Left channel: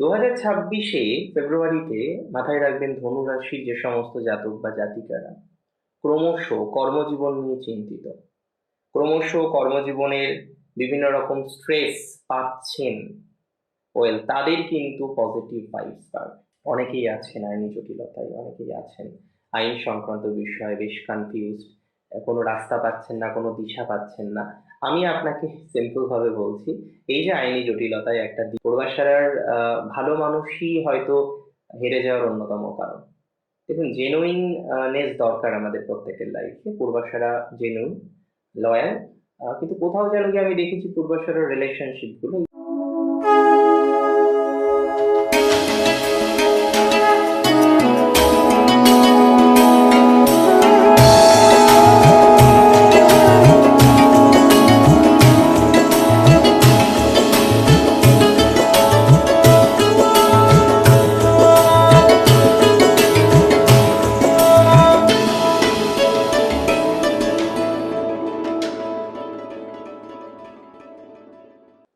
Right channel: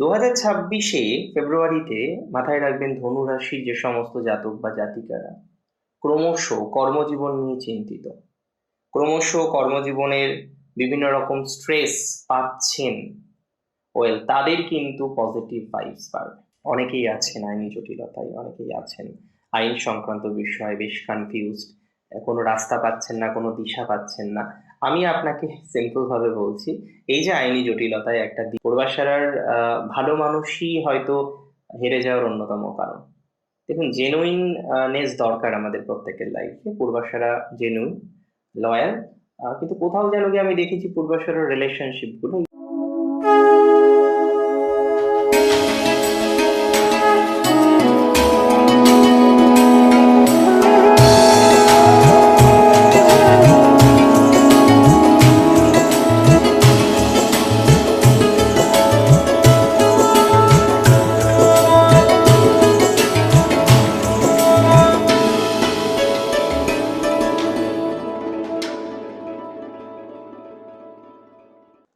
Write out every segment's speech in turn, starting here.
2026-এ ফেব্রুয়ারিতে মাথায় রাখবেন ধনু রাশির যে সমস্ত জাতক বা জাতিকারা ক্রমশ কর্মজীবন নিয়ে চিন্তিত, ক্রমশ কর্মজীবনের বিভিন্ন রকম স্ট্রেস পাচ্ছেন, তাদের কিন্তু পজিটিভ ভাইবস পাবে। অনেকেই আছেন আইনি জটিলতায়, অনেকেই আছেন আইন সংক্রান্ত বিষয়ে বেশ কনফিউজড, কোনো রাস্তা পাচ্ছেন না, কোনো দিশা পাচ্ছেন না। আমি আপনাকে সিম্পল ভাবে বলছি, এই যে আইনি জটিলতায় একটা পূর্বাশারার ভালো মানুষই হয়তো হেরে যাওয়ার অন্যতম কারণ। দেখুন, জেনুইন নেস দরকার আমাদের প্রত্যেকের লাইফে। পূর্বাশারা জেনুইন, লয়াল, কিন্তু কোথাও যেন গিয়ে আমি দেখেছি পূর্বাশারার রিলেশনশিপ গুলো।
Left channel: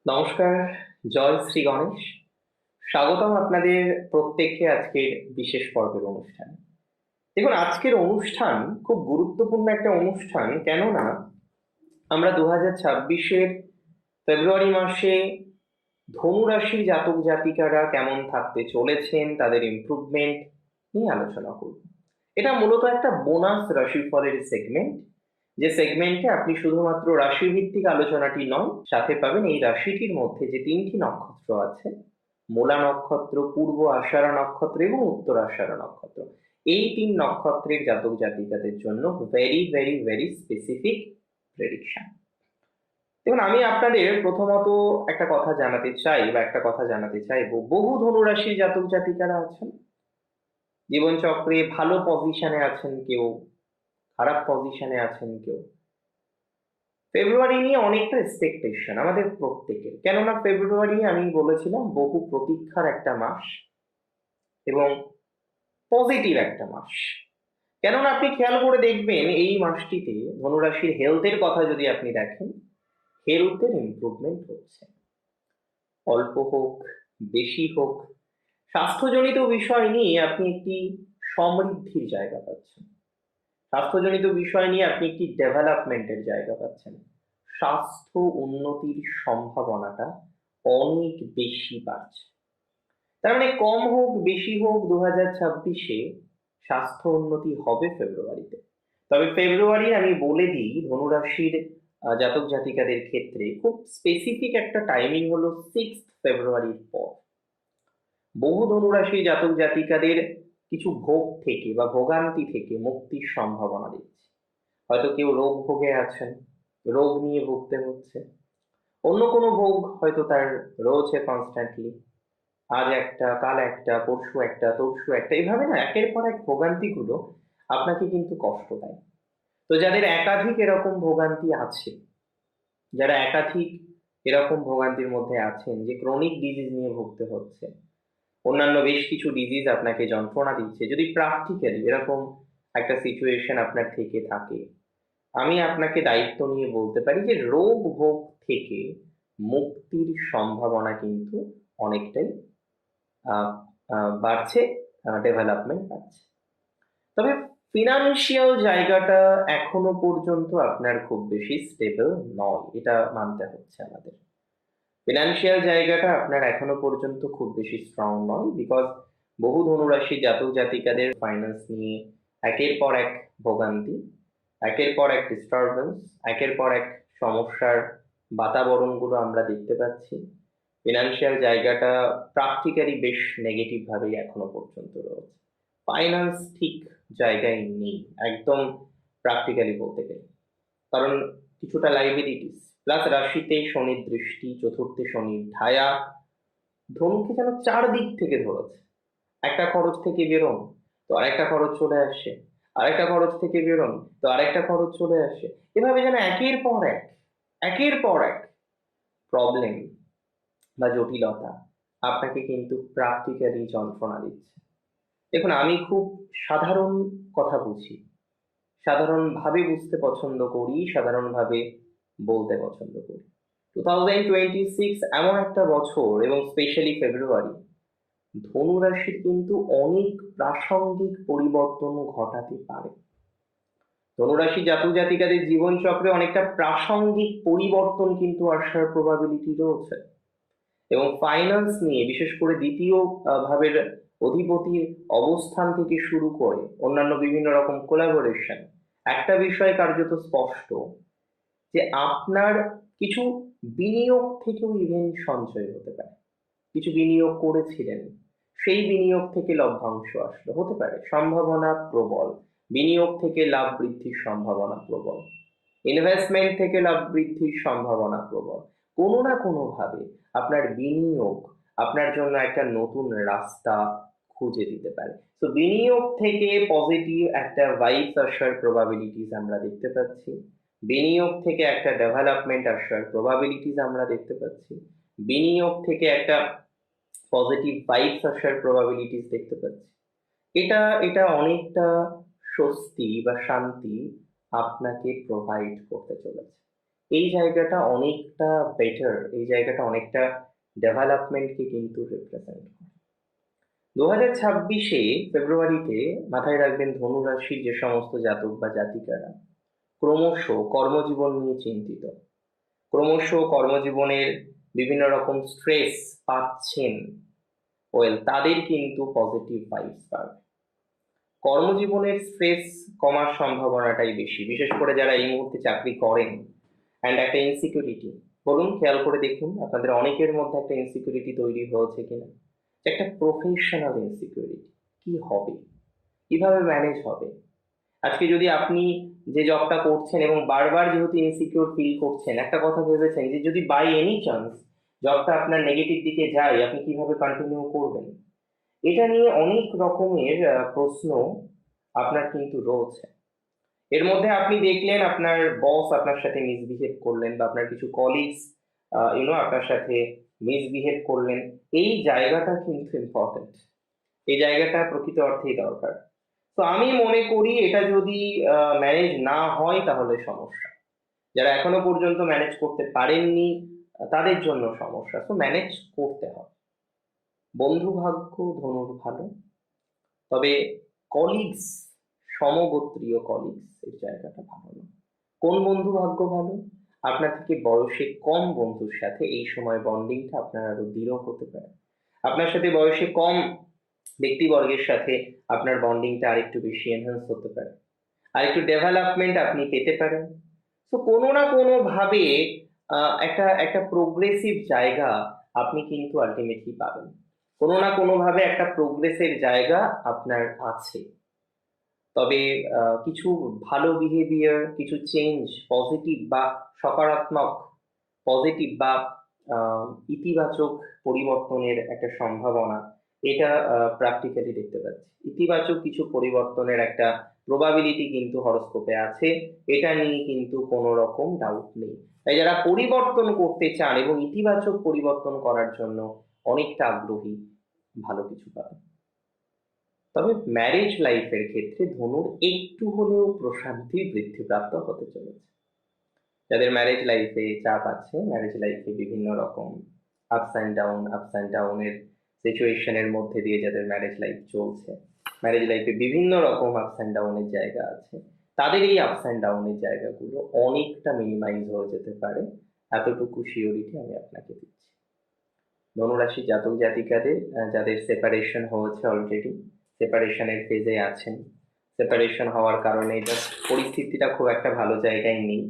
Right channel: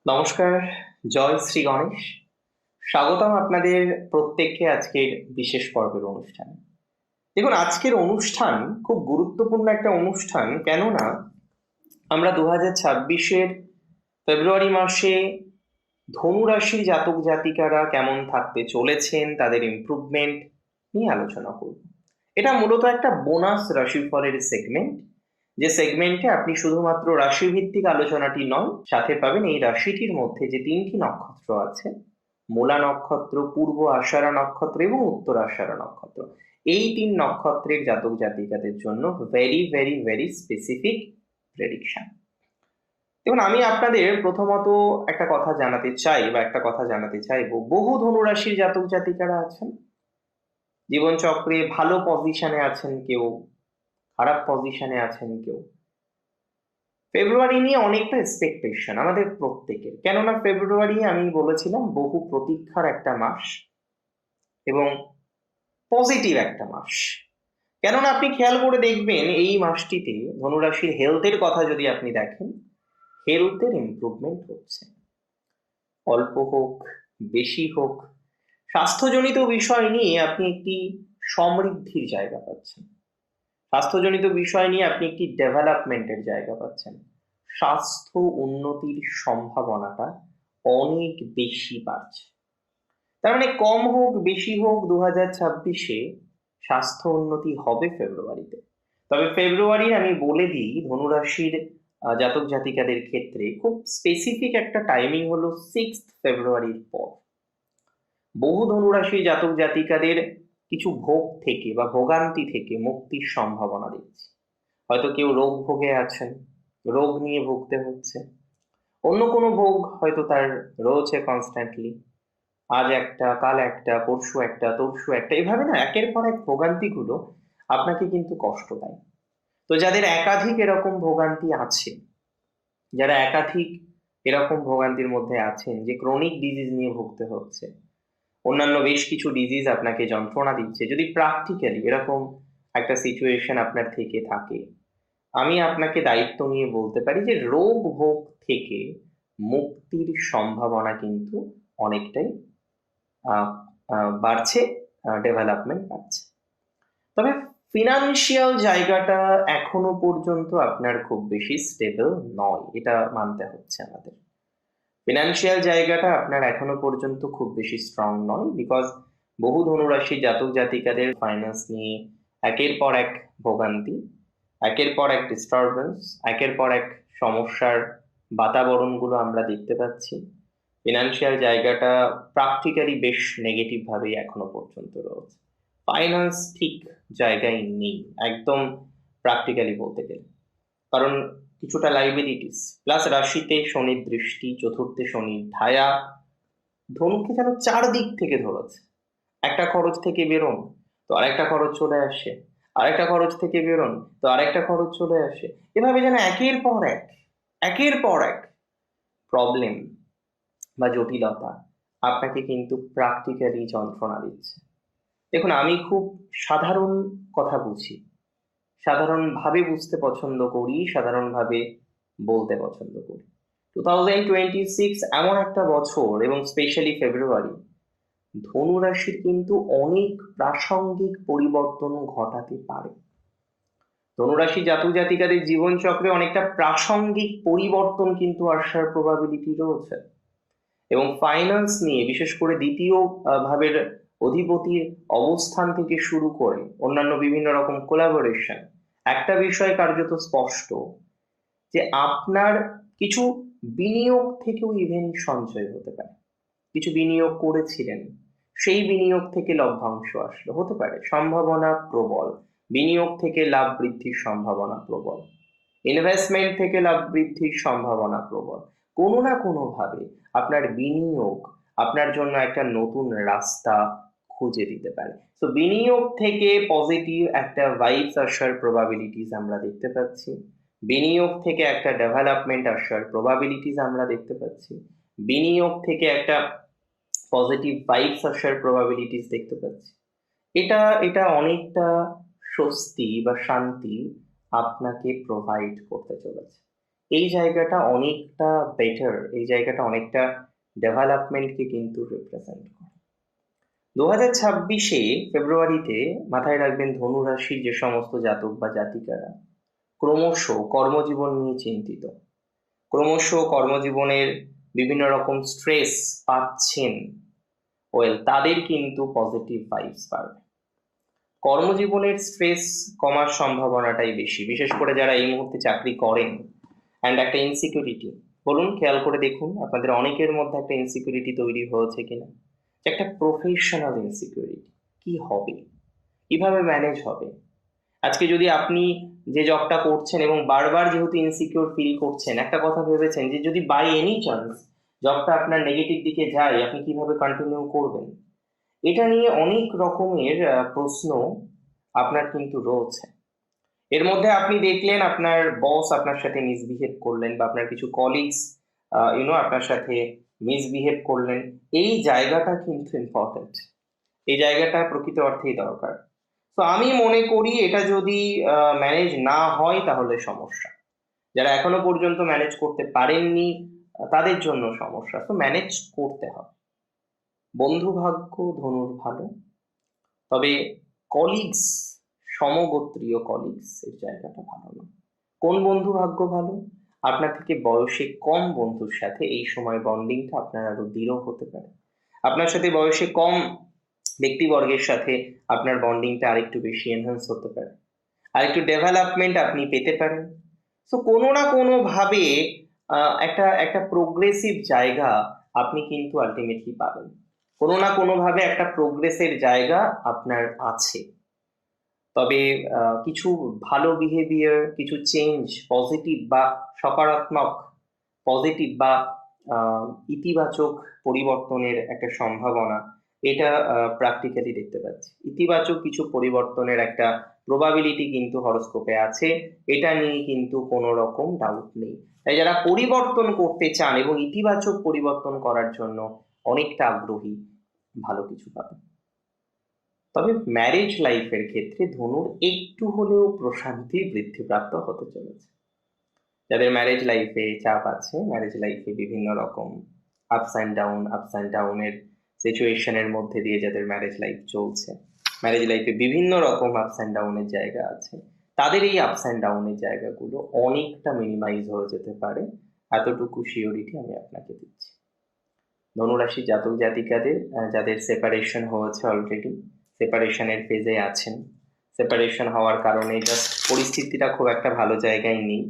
নমস্কার, জয় শ্রী গণেশ। স্বাগতম আপনাদের প্রত্যেককে আজকের বিশেষ পর্বের অনুষ্ঠানে। দেখুন, আজকের অনুষ্ঠান খুব গুরুত্বপূর্ণ একটা অনুষ্ঠান, কেননা আমরা 2026-এর ফেব্রুয়ারি মাসে ধনু রাশির জাতক জাতিকারা কেমন থাকতে চলেছেন, তাদের ইমপ্রুভমেন্ট নিয়ে আলোচনা করব। এটা মূলত একটা বোনাস রাশিফলের সেগমেন্ট, যে সেগমেন্টে আপনি শুধুমাত্র রাশিভিত্তিক আলোচনাটি নয়, সাথে পাবেন এই রাশিটির মধ্যে যে 3টি নক্ষত্র আছে, মূলা নক্ষত্র, পূর্ব আষাঢ়া নক্ষত্র এবং উত্তর আষাঢ়া নক্ষত্র, এই 3 নক্ষত্রের জাতক জাতিকাদের জন্য very very very specific prediction. দেখুন, আমি আপনাদের প্রথমত একটা কথা জানাতে চাই, বা একটা কথা জানাতে চাইবো, বহু ধনুরাশির জাতক জাতিকারা আছেন, জীবনচক্রে ভালো পজিশনে আছেন কেউ, খারাপ পজিশনে আছেন কেউ। ফেব্রুয়ারি নিয়ে অনেকটা এক্সপেকটেশন আমাদের প্রত্যেকের, কেননা ফেব্রুয়ারি আমি বলেছিলাম বহু প্রতীক্ষার একটা মাস এবং পজিটিভ একটা মাস। কেননা আপনি খেয়াল করে দেখবেন এই মাসটিতে ধনুরাশির হেলথের কথা যদি আপনি দেখেন, হেলথের ইমপ্রুভমেন্ট হচ্ছে, অল্প হোক বেশি হোক, স্বাস্থ্যজনিত বিষয় নিয়ে আপনি একটি সমৃদ্ধির জায়গা পাচ্ছেন, স্বাস্থ্যজনিত বিষয় নিয়ে আপনি একটি ডেভেলপমেন্টের জায়গা পাচ্ছেন, স্বাস্থ্য উন্নতির সম্ভাবনাটা অনেক বেশি বাড়ছে। তার মানে কম হোক বেশি হোক 2026-এ স্বাস্থ্য উন্নতি হবে ফেব্রুয়ারিতে। তবে ফেব্রুয়ারি আমি বলে দিই, ধনুরাশির জাতক জাতিকাদের ক্ষেত্রে খুব স্পেসিফিক একটা টাইমিং হলো 6 ফেব্রুয়ারির পর। বহু ধনুরাশির জাতক জাতিকাদের কিছু ভোগ থেকে বা ভোগান্তি থেকে মুক্তির সম্ভাবনা দেখছি। হয়তো কেউ রোগ ভোগে আছেন, রোগ নিয়ে ভুগতে হচ্ছে, অন্য কোনো ভোগ হয়তো তার রয়েছে কনস্ট্যান্টলি, আজ একটা, কাল একটা, পরশু একটা, তরশু একটা, এভাবে না একের পর এক ভোগান্তিগুলো আপনাকে কিন্তু কষ্ট দেয়। তো যাদের একাধিক এরকম ভোগান্তি আছে, যারা একাধিক এরকম ভোগান্তির মধ্যে আছেন, যে ক্রনিক ডিজিজ নিয়ে ভুগতে হচ্ছে, অন্যান্য বেশ কিছু ডিজিজ আপনাকে যন্ত্রণা দিচ্ছে, যদি প্র্যাকটিক্যালি এরকম একটা সিচুয়েশন আপনার থেকে থাকে, আমি আপনাকে দায়িত্ব নিয়ে বলতে পারি যে রোগ ভোগ থেকে মুক্তির সম্ভাবনা কিন্তু অনেকটাই বাড়ছে, ডেভেলপমেন্ট বাড়ছে। তবে ফিনান্সিয়াল জায়গাটা এখনো পর্যন্ত আপনার খুব বেশি স্টেবল নয়, এটা মানতে হচ্ছে আমাদের। ফিনান্সিয়াল জায়গাটা আপনার এখনো পর্যন্ত খুব বেশি স্ট্রং নয়, বিকজ বহু ধনুরাশি জাতক জাতিকাদের ফাইন্যান্স নিয়ে একের পর এক ভোগান্তি, একের পর এক ডিস্টারবেন্স, একের পর এক সমস্যার বাতাবরণগুলো আমরা দেখতে পাচ্ছি। ফিনান্সিয়াল জায়গাটা প্র্যাকটিক্যালি বেশ নেগেটিভ ভাবেই এখনো পর্যন্ত রয়েছে, ফাইন্যান্স ঠিক জায়গায় নেই একদম, প্র্যাকটিক্যালি বলতে গেলে। কারণ কিছুটা লাইবিলিটিস, প্লাস রাশিতে শনির দৃষ্টি, চতুর্থে শনির ঢায়া, ধনুকে যেন চারদিক থেকে ধরেছে। একটা খরচ থেকে বেরোন তো আরেকটা খরচ চলে আসে, আরেকটা খরচ থেকে বেরোন তো আরেকটা খরচ চলে আসে, এভাবে যেন একের পর এক, একের পর এক প্রবলেম বা জটিলতা আপনাকে কিন্তু প্র্যাকটিক্যালি যন্ত্রণা দিচ্ছে। দেখুন, আমি খুব সাধারণ কথা বুঝি, সাধারণভাবে বুঝতে পছন্দ করি, সাধারণভাবে বলতে পছন্দ করি। 2026 এমন একটা বছর, এবং স্পেশালি ফেব্রুয়ারি, ধনু রাশির কিন্তু অনেক প্রাসঙ্গিক পরিবর্তনও ঘটাতে পারে। ধনুরাশি জাতক জাতিকাদের জীবনচক্রে অনেকটা প্রাসঙ্গিক পরিবর্তন কিন্তু আসার প্রবাবিলিটি রয়েছে, এবং ফাইন্যান্স নিয়ে বিশেষ করে দ্বিতীয় ভাবের অধিপতির অবস্থান থেকে শুরু করে অন্যান্য বিভিন্ন রকম কোলাবোরেশন, একটা বিষয় কার্যত স্পষ্ট যে আপনার কিছু বিনিয়োগ থেকেও ইভেন সঞ্চয় হতে পারে। কিছু বিনিয়োগ করেছিলেন, সেই বিনিয়োগ থেকে লভ্যাংশ আসলো, হতে পারে, সম্ভাবনা প্রবল। বিনিয়োগ থেকে লাভ বৃদ্ধির সম্ভাবনা প্রবল, ইনভেস্টমেন্ট থেকে লাভ বৃদ্ধির সম্ভাবনা প্রবল। কোনো না কোনো ভাবে আপনার বিনিয়োগ আপনার জন্য একটা নতুন রাস্তা খুঁজে দিতে পারে। তো বিনিয়োগ থেকে পজিটিভ একটা ভাইবস আসার প্রবাবিলিটিস আমরা দেখতে পাচ্ছি, বিনিয়োগ থেকে একটা ডেভেলপমেন্ট আসার প্রবাবিলিটিস আমরা দেখতে পাচ্ছি, বিনিয়োগ থেকে একটা পজিটিভ ভাইবস আসার প্রবাবিলিটিস দেখতে পাচ্ছি। এটা এটা অনেকটা স্বস্তি বা শান্তি আপনাকে প্রোভাইড করতে চলেছে। এই জায়গাটা অনেকটা বেটার, এই জায়গাটা অনেকটা ডেভেলপমেন্টকে কিন্তু রিপ্রেজেন্ট করে। 2026-এ ফেব্রুয়ারিতে মাথায় রাখবেন, ধনু রাশির যে সমস্ত জাতক বা জাতিকারা ক্রমশ কর্মজীবন নিয়ে চিন্তিত, ক্রমশ কর্মজীবনের বিভিন্ন রকম স্ট্রেস পাচ্ছেন, তাদের কিন্তু পজিটিভ ভাইবস পাবে। কর্মজীবনের স্ট্রেস কমার সম্ভাবনাটাই বেশি, বিশেষ করে যারা এই মুহূর্তে চাকরি করেন। অ্যান্ড একটা ইনসিকিউরিটি, বলুন, খেয়াল করে দেখুন আপনাদের অনেকের মধ্যে একটা ইনসিকিউরিটি তৈরি হয়েছে কিনা, একটা প্রফেশনাল ইনসিকিউরিটি। কি হবে, কিভাবে ম্যানেজ হবে? আজকে যদি আপনি যে জবটা করছেন এবং বারবার যেহেতু ইনসিকিউর ফিল করছেন, একটা কথা ভেবেছেন যে যদি বাই এনি চান্স জবটা আপনার নেগেটিভ দিকে যায়, আপনি কিভাবে কন্টিনিউ করবেন? এটা নিয়ে অনেক রকমের প্রশ্ন আপনার কিন্তু রয়েছে। এর মধ্যে আপনি দেখলেন আপনার বস আপনার সাথে মিসবিহেভ করলেন, বা আপনার কিছু কলিগস আপনার সাথে মিসবিহেভ করলেন। এই জায়গাটা কিন্তু ইম্পর্টেন্ট, এই জায়গাটা প্রকৃত অর্থেই দরকার। তো আমি মনে করি এটা যদি ম্যানেজ না হয় তাহলে সমস্যা। যারা এখনো পর্যন্ত ম্যানেজ করতে পারেননি তাদের জন্য সমস্যা। তো ম্যানেজ করতে হবে। বন্ধু ভাগ্য ধনুর ভালো, তবে কলিগস, সমগোত্রীয় কলিগস এর জায়গাটা ভালো না। কোন বন্ধু ভাগ্য ভালো? আপনার থেকে বয়সে কম বন্ধুর সাথে এই সময় বন্ডিংটা আপনার আরো দৃঢ় হতে পারে। আপনার সাথে বয়সে কম ব্যক্তিবর্গের সাথে আপনার বন্ডিংটা আরেকটু বেশি এনহ্যান্স হতে পারে, আরেকটু ডেভেলপমেন্ট আপনি পেতে পারেন। তো কোনো না কোনো ভাবে একটা একটা প্রোগ্রেসিভ জায়গা আপনি কিন্তু আলটিমেটলি পাবেন। কোনো না কোনো ভাবে একটা প্রোগ্রেসের জায়গা আপনার আছে। তবে কিছু ভালো বিহেভিয়ার, কিছু চেঞ্জ, পজিটিভ বা সকারাত্মক, পজিটিভ বা ইতিবাচক পরিবর্তনের একটা সম্ভাবনা, এটা প্র্যাকটিক্যালি দেখতে পাচ্ছি। ইতিবাচক কিছু পরিবর্তনের একটা প্রবাবিলিটি কিন্তু হরোস্কোপে আছে, এটা নিয়ে কিন্তু কোনো রকম ডাউট নেই। তাই যারা পরিবর্তন করতে চান এবং ইতিবাচক পরিবর্তন করার জন্য অনেকটা আগ্রহী, ভালো কিছু পাবেন। তবে ম্যারেজ লাইফের ক্ষেত্রে ধনুর একটু হলেও প্রশান্তি বৃদ্ধিপ্রাপ্ত হতে চলেছে। যাদের ম্যারেজ লাইফে চাপ আছে, ম্যারেজ লাইফে বিভিন্ন রকম আপস অ্যান্ড ডাউনের সিচুয়েশনের মধ্যে দিয়ে যাদের ম্যারেজ লাইফ চলছে, ম্যারেজ লাইফে বিভিন্ন রকম আপস অ্যান্ড ডাউনের জায়গা আছে, তাদের এই আপস অ্যান্ড ডাউনের জায়গাগুলো অনেকটা মিনিমাইজ হয়ে যেতে পারে, এতটুকু শিওরিটি আমি আপনাকে দিচ্ছি। ধনুরাশি জাতক জাতিকাদের যাদের সেপারেশন হয়েছে, অলরেডি সেপারেশনের ফেজে আছেন, সেপারেশন হওয়ার কারণে জাস্ট পরিস্থিতিটা খুব একটা ভালো জায়গায় নেই,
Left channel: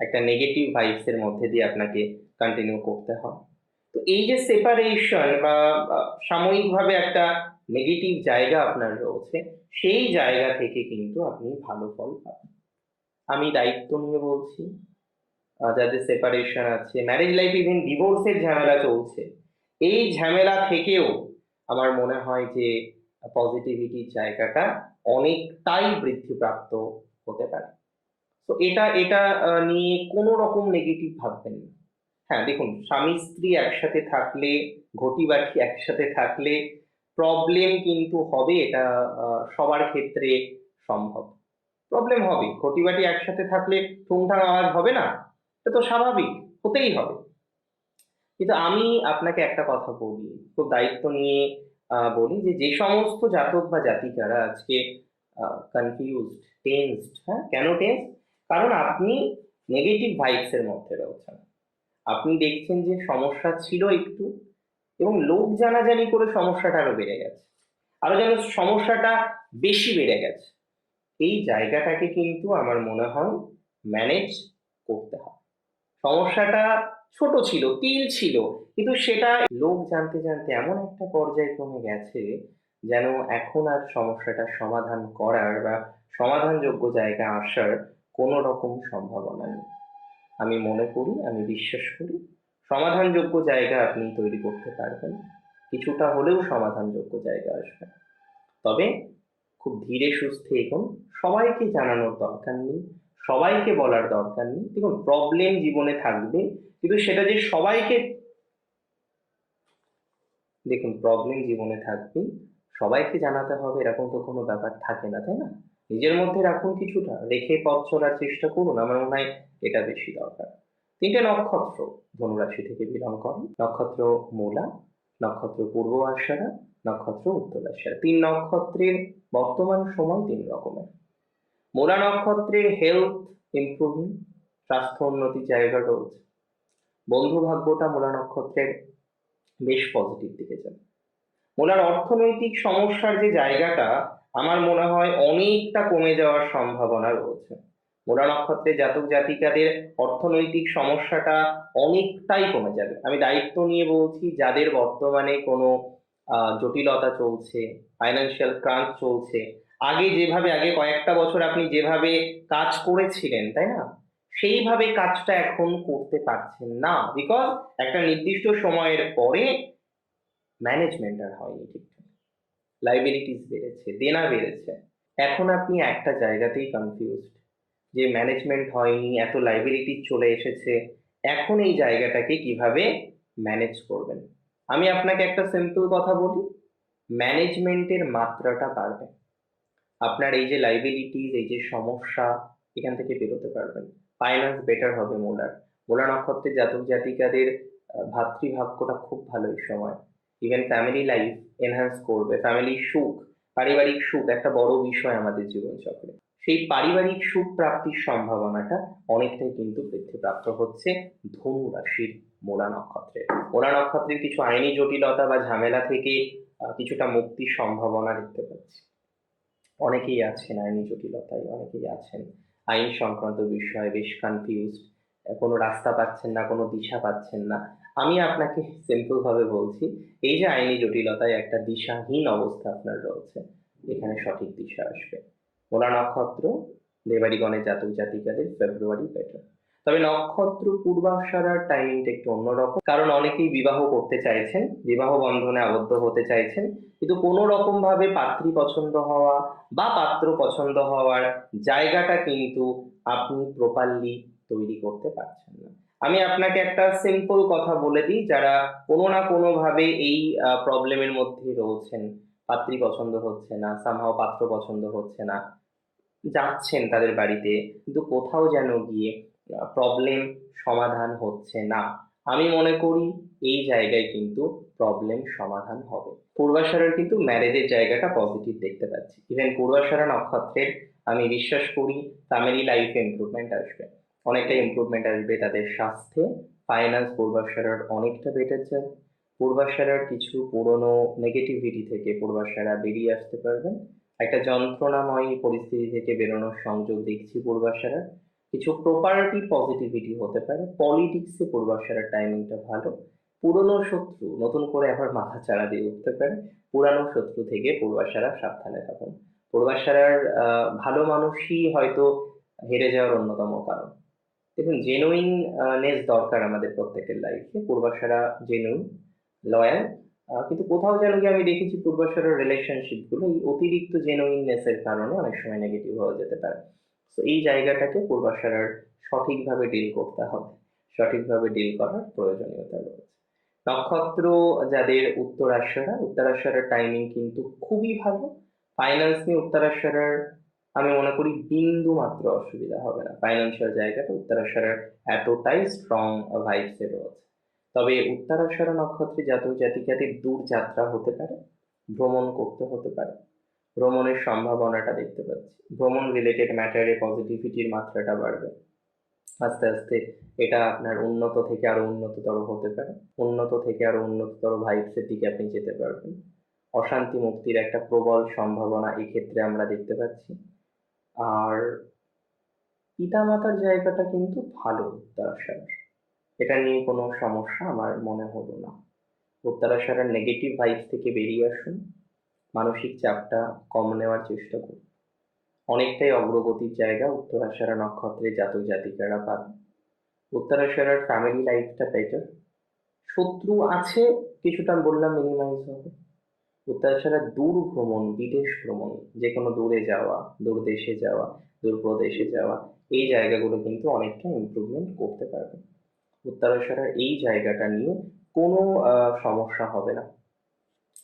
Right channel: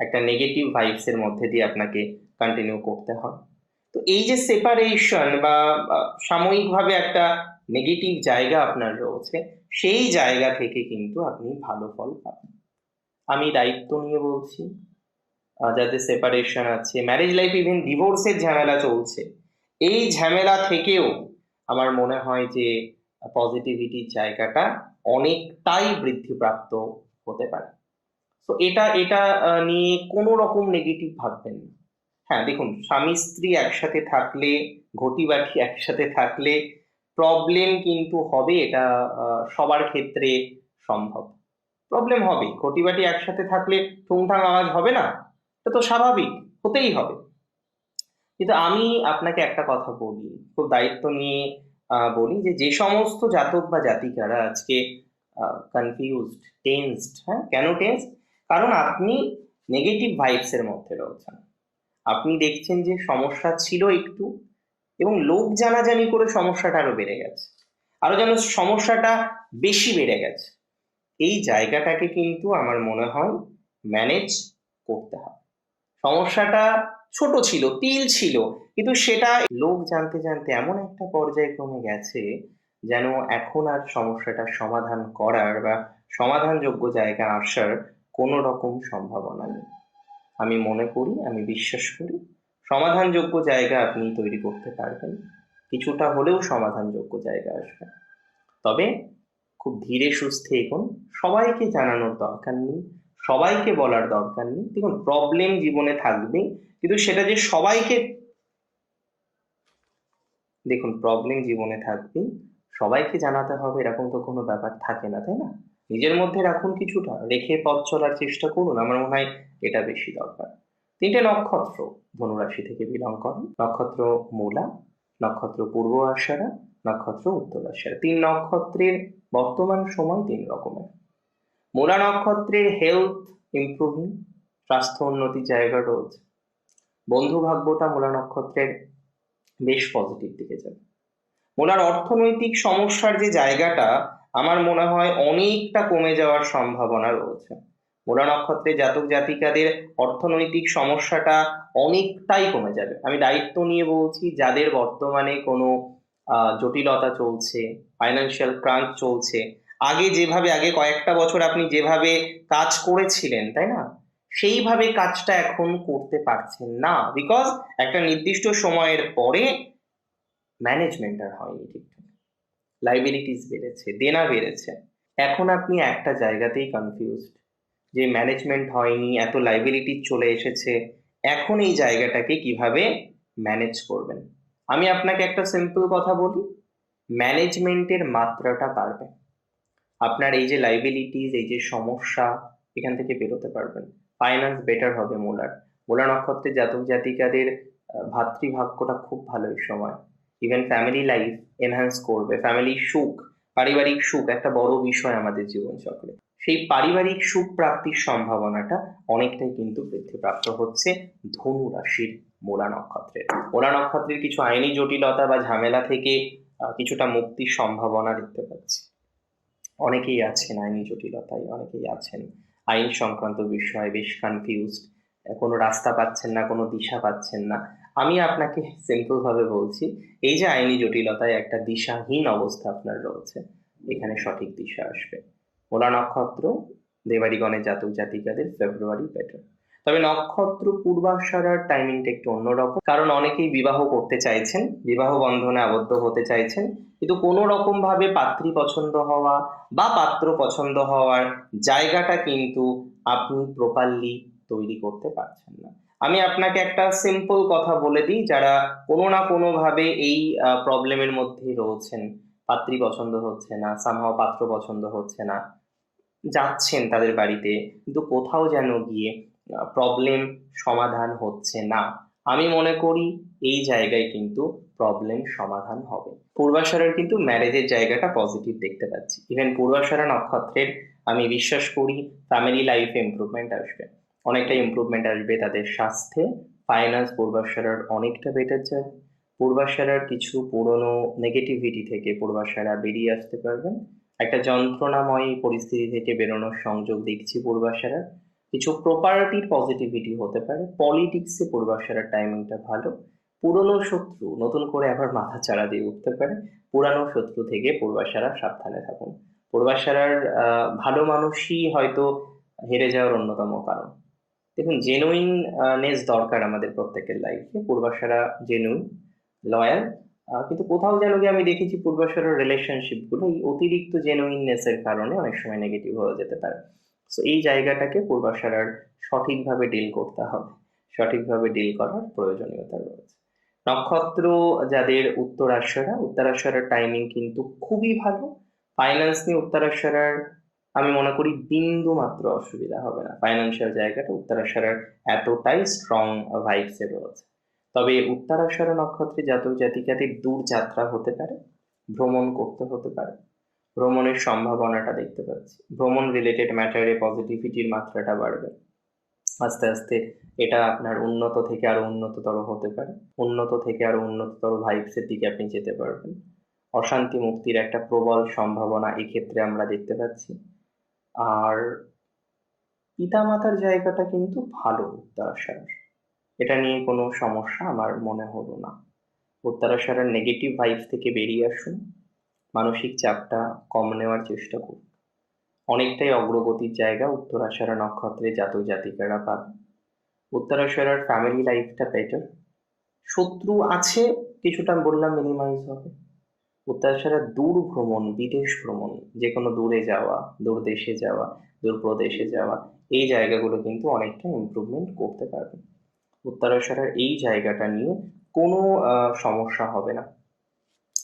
একটা নেগেটিভ ভাইবস এর মধ্যে দিয়ে আপনাকে কন্টিনিউ করতে হয়। তো এই যে সেপারেশন বা সাময়িকভাবে একটা নেগেটিভ জায়গা আপনার রয়েছে, সেই জায়গা থেকে কিন্তু আপনি ভালো ফল পাবেন। আমি দায়িত্ব নিয়ে বলছি, যাদের সেপারেশন আছে, ম্যারেজ লাইফ ইভেন ডিভোর্সের ঝামেলা চলছে, এই ঝামেলা থেকেও আমার মনে হয় যে পজিটিভিটির জায়গাটা অনেকটাই বৃদ্ধিপ্রাপ্ত হতে পারে। তো এটা এটা নিয়ে কোনো রকম নেগেটিভ ভাববেন না। হ্যাঁ দেখুন, স্বামী স্ত্রী একসাথে থাকলে, ঘটি বাটি একসাথে থাকলে প্রবলেম কিন্তু হবে, এটা সবার ক্ষেত্রে সম্ভব। প্রবলেম হবে, ঘটি বাটি একসাথে থাকলে ঠুংঠাং আওয়াজ হবে না, এটা তো স্বাভাবিক, হতেই হবে। কিন্তু আমি আপনাকে একটা কথা বলি, খুব দায়িত্ব নিয়ে বলি যে সমস্ত জাতক বা জাতিকারা আজকে কনফিউজড, টেন্সড, হ্যাঁ, কেন টেন্সড? কারণ আপনি নেগেটিভ ভাইবস এর মধ্যে রয়েছেন। আপনি দেখছেন যে সমস্যা ছিল একটু, এবং লোক জানাজানি করে সমস্যাটা আরো বেড়ে গেছে, আরো যেন সমস্যাটা বেশি বেড়ে গেছে। এই জায়গাটাকে কিন্তু আমার মনে হয় ম্যানেজ করতে হবে। সমস্যাটা ছোট ছিল, তিল ছিল, কিন্তু সেটা লোক জানতে জানতে এমন একটা পর্যায়ে ক্রমে গেছে যেন এখন আর সমস্যাটার সমাধান করার বা সমাধানযোগ্য জায়গা আসার কোনো রকম সম্ভাবনা নেই। আমি মনে করি, আমি বিশ্বাস করি, সমাধানযোগ্য জায়গা আপনি তৈরি করতে পারবেন, কিছুটা হলেও সমাধানযোগ্য জায়গা আসবে। তবে খুব ধীরে সুস্থে এগোন, সবাইকে জানানোর দরকার নেই, সবাইকে বলার দরকার নেই। দেখুন, প্রবলেম জীবনে থাকবেই, কিন্তু সেটা যে সবাইকে, দেখুন, প্রবলেম জীবনে থাকবেই, সবাইকে জানাতে হবে এরকম তো কোনো ব্যাপার থাকে না, তাই না? নিজের মধ্যে রাখুন, কিছুটা রেখে পথ চলার চেষ্টা করুন, আমার মনে হয় এটা বেশি দরকার। তিনটে নক্ষত্র ধনুরাশি থেকে বিলং করে: নক্ষত্র মূলা, নক্ষত্র পূর্ব আষাঢ়া, নক্ষত্র উত্তর আষাঢ়া। তিন নক্ষত্রের বর্তমান সময় তিন রকমের। মূলা নক্ষত্রের হেলথ ইমপ্রুভিং, স্বাস্থ্য উন্নতির জায়গা রয়েছে। বন্ধু ভাগ্যটা মূলা নক্ষত্রের বেশ পজিটিভ দিকে যাবে। মূলার অর্থনৈতিক সমস্যার যে জায়গাটা, আমার মনে হয় অনেকটা কমে যাওয়ার সম্ভাবনা রয়েছে। মূলা নক্ষত্রে জাতক জাতিকাদের অর্থনৈতিক সমস্যাটা অনেকটাই কমে যাবে। আমি দায়িত্ব নিয়ে বলছি, যাদের বর্তমানে কোনো জটিলতা চলছে, ফাইন্যান্সিয়াল ক্রাঞ্চ চলছে, আগে কয়েকটা বছর আপনি যেভাবে কাজ করেছিলেন, তাই না, সেইভাবে কাজটা এখন করতে পারছেন না, বিকজ একটা নির্দিষ্ট সময়ের পরে ম্যানেজমেন্ট আর হয়নি ঠিকঠাক, লাইবিলিটিস বেড়েছে, দেনা বেড়েছে। এখন আপনি একটা জায়গাতেই কনফিউজড, যে ম্যানেজমেন্ট হয়নি, এত লাইবিলিটি চলে এসেছে, এখন এই জায়গাটাকে কিভাবে ম্যানেজ করবেন। আমি আপনাকে একটা সিম্পল কথা বলি, ম্যানেজমেন্টের মাত্রাটা বাড়বে, আপনার এই যে লাইবিলিটিস, এই যে সমস্যা, এখান থেকে বেরোতে পারবেন, ফাইন্যান্স বেটার হবে মূলার। মূলা নক্ষত্রে জাতক জাতিকাদের ভাতৃভাগ্যটা খুব ভালো এই সময়। ইভেন ফ্যামিলি লাইফ এনহ্যান্স করবে, ফ্যামিলি সুখ, পারিবারিক সুখ একটা বড় বিষয় আমাদের জীবনচক্রে। সেই পারিবারিক সুখ প্রাপ্তির সম্ভাবনাটা অনেকটাই কিন্তু বৃদ্ধিপ্রাপ্ত হচ্ছে ধনু রাশির মূলা নক্ষত্রের। মূলা নক্ষত্রের কিছু আইনি জটিলতা বা ঝামেলা থেকে কিছুটা মুক্তির সম্ভাবনা দেখতে পাচ্ছি। অনেকেই আছেন আইনি জটিলতায়, অনেকেই আছেন আইন সংক্রান্ত বিষয়ে বেশ কনফিউজড, কোনো রাস্তা পাচ্ছেন না, কোনো দিশা পাচ্ছেন না। আমি আপনাকে সিম্পল ভাবে বলছি, এই যে আইনি জটিলতায় একটা দিশাহীন অবস্থা আপনার রয়েছে, এখানে সঠিক দিশা আসবে। মূলা নক্ষত্র দেবাড়িগণের জাতক জাতিকাদের ফেব্রুয়ারি বেটার। তবে নক্ষত্র পূর্বাষাঢ়ার টাইমিংটা একটু অন্যরকম, কারণ অনেকেই বিবাহ করতে চাইছেন, বিবাহ বন্ধনে আবদ্ধ হতে চাইছেন, কিন্তু কোনো রকম ভাবে পাত্রী পছন্দ হওয়া বা পাত্র পছন্দ হওয়ার জায়গাটা কিন্তু আপনি প্রপারলি তৈরি করতে পারছেন না। আমি আপনাকে একটা সিম্পল কথা বলে দিই, যারা কোনো না কোনো ভাবে এই প্রবলেমের মধ্যে রয়েছেন, পাত্রী পছন্দ হচ্ছে না, সামহাও পাত্র পছন্দ হচ্ছে না, যাচ্ছেন তাদের বাড়িতে, কিন্তু কোথাও যেন গিয়ে প্রবলেম সমাধান হচ্ছে না, আমি মনে করি এই জায়গায় কিন্তু প্রবলেম সমাধান হবে। পূর্বাষাঢ়ার কিন্তু ম্যারেজের জায়গাটা পজিটিভ দেখতে পাচ্ছি। ইভেন পূর্বাষাঢ়া নক্ষত্রের আমি বিশ্বাস করি ফ্যামিলি লাইফে ইমপ্রুভমেন্ট আসবে, অনেকটা ইমপ্রুভমেন্ট আসবে তাদের স্বাস্থ্যে। ফাইন্যান্স পূর্বাষাঢ়ার অনেকটা বেটার যায়। পূর্বাষাঢ়ার কিছু পুরনো নেগেটিভিটি থেকে পূর্বাষাঢ়া বেরিয়ে আসতে পারবেন, একটা যন্ত্রণাময় পরিস্থিতি থেকে বেরোনোর সংযোগ দেখছি পূর্বাষাঢ়ার। কিছু প্রপার্টির পজিটিভিটি হতে পারে, পলিটিক্সে পূর্বাষাঢ়ার টাইমিংটা ভালো। পুরনো শত্রু নতুন করে আবার মাথা চাড়া দিয়ে উঠতে পারে, পুরানো শত্রু থেকে পূর্বাষাঢ়া সাবধানে থাকুন। পূর্বাষাঢ়ার ভালো মানুষই হয়তো হেরে যাওয়ার অন্যতম কারণ। দেখুন, জেনুইননেস দরকার আমাদের প্রত্যেকের লাইফে, পূর্বাষাঢ়া জেনুইন, লয়াল, কিন্তু কোথাও যেন গিয়ে আমি দেখেছি পূর্বাশারের রিলেশনশিপ গুলো এই অতিরিক্ত জেনুইননেস এর কারণে অনেক সময় নেগেটিভ হয়ে যেতে পারে। তো এই জায়গাটাকে পূর্বাশারার সঠিকভাবে ডিল করতে হবে, সঠিকভাবে ডিল করার প্রয়োজনীয়তা রয়েছে। নক্ষত্র যাদের উত্তরাশারার টাইমিং কিন্তু খুবই ভালো। ফাইন্যান্স নিয়ে উত্তরাশারার আমি মনে করি বিন্দু মাত্র অসুবিধা হবে না, ফাইন্যান্সিয়াল জায়গাটা উত্তরাশারার এতটাই স্ট্রং ভাইবস এ রয়েছে। তবে উত্তরাষাঢ়া নক্ষত্রে জাতক জাতিকাদের দূর যাত্রা হতে পারে, ভ্রমণ করতে হতে পারে, ভ্রমণের সম্ভাবনাটা দেখতে পাচ্ছি, ভ্রমণ রিলেটেড ম্যাটারে পজিটিভিটির মাত্রাটা বাড়বে। আস্তে আস্তে এটা আপনার উন্নত থেকে আরো উন্নততর হতে পারে, উন্নত থেকে আরো উন্নততর ভাইবসের দিকে আপনি যেতে পারবেন। অশান্তি মুক্তির একটা প্রবল সম্ভাবনা এক্ষেত্রে আমরা দেখতে পাচ্ছি। আর পিতামাতার জায়গাটা কিন্তু ভালো উত্তরাষাঢ়ার, এটা নিয়ে কোনো সমস্যা আমার মনে হলো না। উত্তরাষাঢ়ার নেগেটিভ ভাইবস থেকে বেরিয়ে আসুন, মানসিক চাপটা কম নেওয়ার চেষ্টা করুন। অনেকটাই অগ্রগতির জায়গা উত্তরাষাঢ়া নক্ষত্রে জাতক জাতিকারা পাবে। উত্তরাষাঢ়ার ফ্যামিলি লাইফটা বেটার, শত্রু আছে কিছুটা বললাম মিনিমাইজ হবে। উত্তরাষাঢ়ার দূর ভ্রমণ, বিদেশ ভ্রমণ, যে কোনো দূরে যাওয়া, দূর দেশে যাওয়া, দূর প্রদেশে যাওয়া, এই জায়গাগুলো কিন্তু অনেকটা ইমপ্রুভমেন্ট করতে পারবে। উত্তরাষাঢ়ার এই জায়গাটা নিয়ে কোনো সমস্যা হবে না।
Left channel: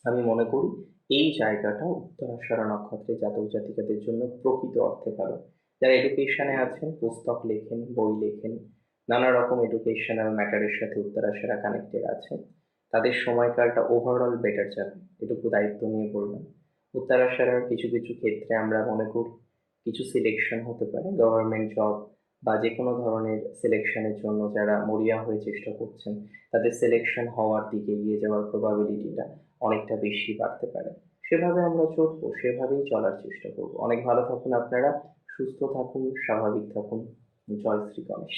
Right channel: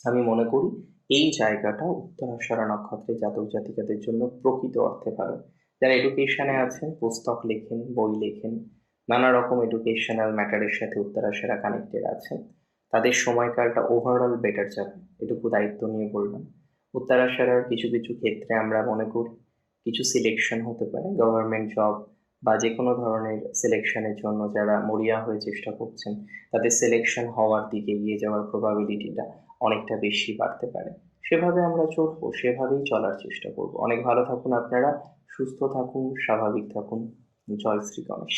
আমি মনে করি এই জায়গাটা উত্তরাষাঢ়া নক্ষত্রের জাতক জাতিকাদের জন্য প্রকৃত অর্থে ভালো। যারা এডুকেশনে আছেন, পুস্তক লেখেন, বই লেখেন, নানা রকম এডুকেশনাল ম্যাটারের সাথে উত্তরাষাঢ়া কানেক্টেড আছেন, তাদের সময়কালটা ওভারঅল বেটার যাবে, এটুকু দায়িত্ব নিয়ে বললাম। উত্তরাষাঢ়ার কিছু কিছু ক্ষেত্রে আমরা মনে করি কিছু সিলেকশন হতে পারে, গভর্নমেন্ট জব বা যে কোনো ধরনের সিলেকশনের জন্য যারা মরিয়া হয়ে চেষ্টা করছেন, তাদের সিলেকশন হওয়ার দিকে এগিয়ে যাওয়ার প্রবাবিলিটিটা অনেকটা বেশি বাড়তে পারে। সেভাবে আমরা চলবো, সেভাবেই চলার চেষ্টা করব। অনেক ভালো থাকুন আপনারা, সুস্থ থাকুন, স্বাভাবিক থাকুন। জয় শ্রী গণেশ।